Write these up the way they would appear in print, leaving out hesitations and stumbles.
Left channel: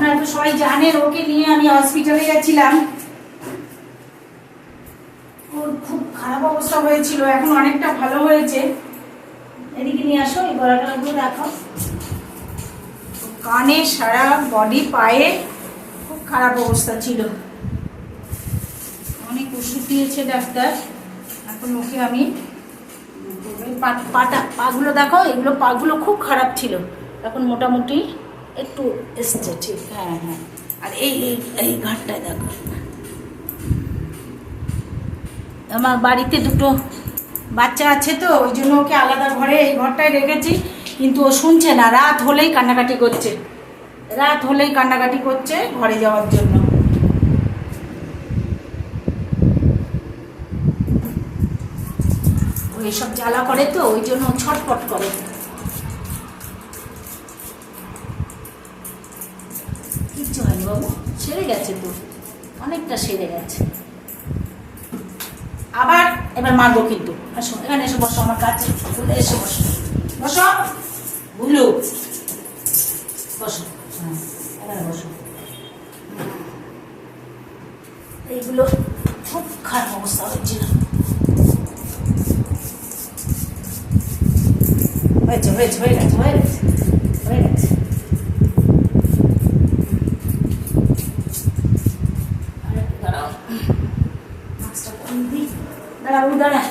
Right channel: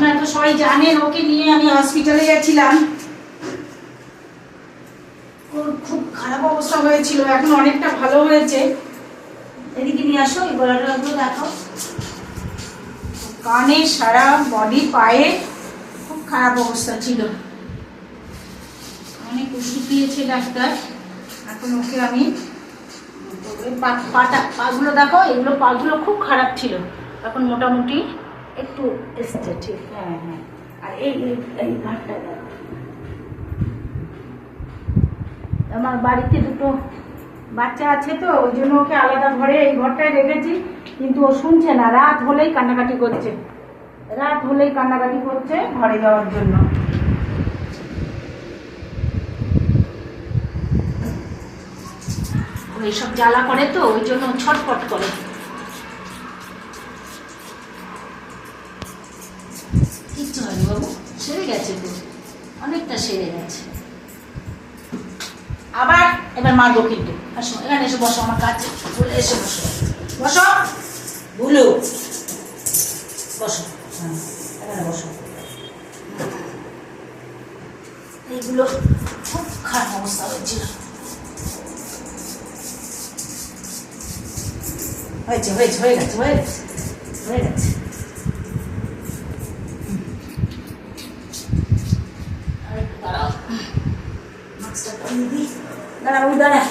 আপনারা তো সবাই জানেন ওকে নিয়ে আমি হসপিটালে গেছিলাম। ওর খুব খারাপ অবস্থা হয়েছিল, এখন অনেকটা ভালো হয়েছে। এদিকে নিয়ে আসো, এই গলাটা দেখো। কানে, সারা বডি, পায়ে খুব খারাপ অবস্থা ছিল। অনেক ওষুধ দিয়েছে ডাক্তার। এখন ওকে আমি পাগুলো দেখো, এগুলো পাগুলো খুব খারাপ ছিল, এখন মোটামুটি একটু এসছে ঠিক। হ্যাঁ হ্যাঁ, আর এই এই ঘাটটায় দেখো। আমার বাড়িতে দুটো বাচ্চা আছে তো, ওই জন্য ওকে আলাদা ঘরে এই ঘরটায় রেখেছি, কিন্তু ও শুনছে না। রাত হলেই কান্নাকাটি করছে, রাত হলেই কান্নাকাটি করছে ঘরে যাওয়ার জন্য। এইসব জ্বালা করে তো, ওই জন্য ছটফট করে। কিচ্ছু হয়নি বাবু, সেরে গেছে তো, অনেকটা সেরে গেছে। আবার এবার মারবো কিন্তু। আসো এখানে এসে বসো আমার কাছে, বলে এসে বসো, বসো ভুলু, বসো। এখানে বসো। এইগুলো খুব খারাপ অবস্থা হয়েছিল। হয়েছে হয়েছে, হয়ে গেছে, হয়ে গেছে, হয়ে গেছে। দাঁড়াও, মাছটা কমিয়ে দিই। দাঁড়া ওই দাঁড়া।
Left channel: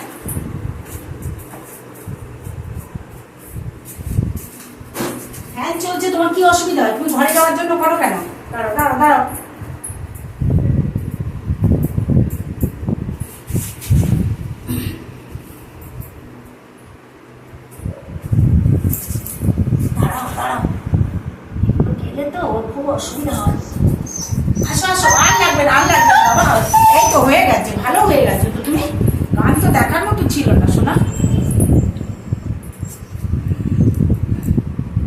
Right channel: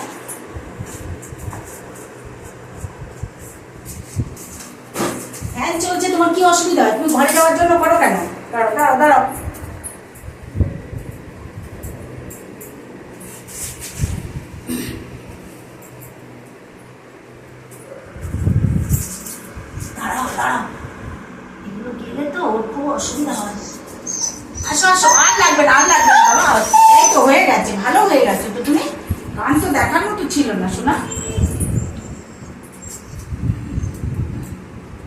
ফ্যান চলছে, তোমার কি অসুবিধা হয়? তুমি ঘরে যাওয়ার জন্য করো কেন? দাঁড়াও দাঁড়াও দাঁড়াও। দাঁড়াও দাঁড়াও, এগুলো গেলে তো ওর খুব অসুবিধা হয়। আসো আসো, আর লাগবে না, আর লাগবে না বাবা। এই তো হয়ে গেছে, ভালো হয়ে গেছে তো। তুমি গান তো দেখার মতো ছিল না শোনা।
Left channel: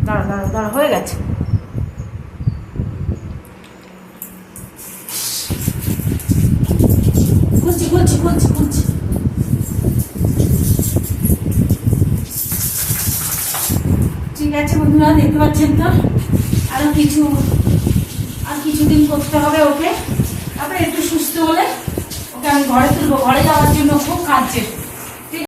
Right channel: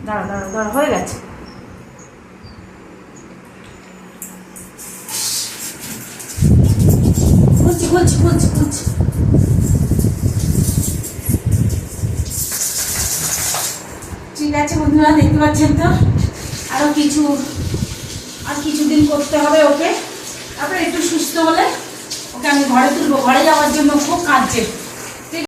দাঁড়া দাঁড়া দাঁড়া, হয়ে গেছে। খুলছি খুলছি খুলছি খুলছি। ঠিক আছে বন্ধুরা, দেখতে পাচ্ছেন তো, আরো আর কিছুদিন করতে হবে ওকে। তারপরে একটু সুস্থ হলে ওকে আমি ঘরে তুলবো। ঘরে যাওয়ার জন্য খুব কাঁদছে।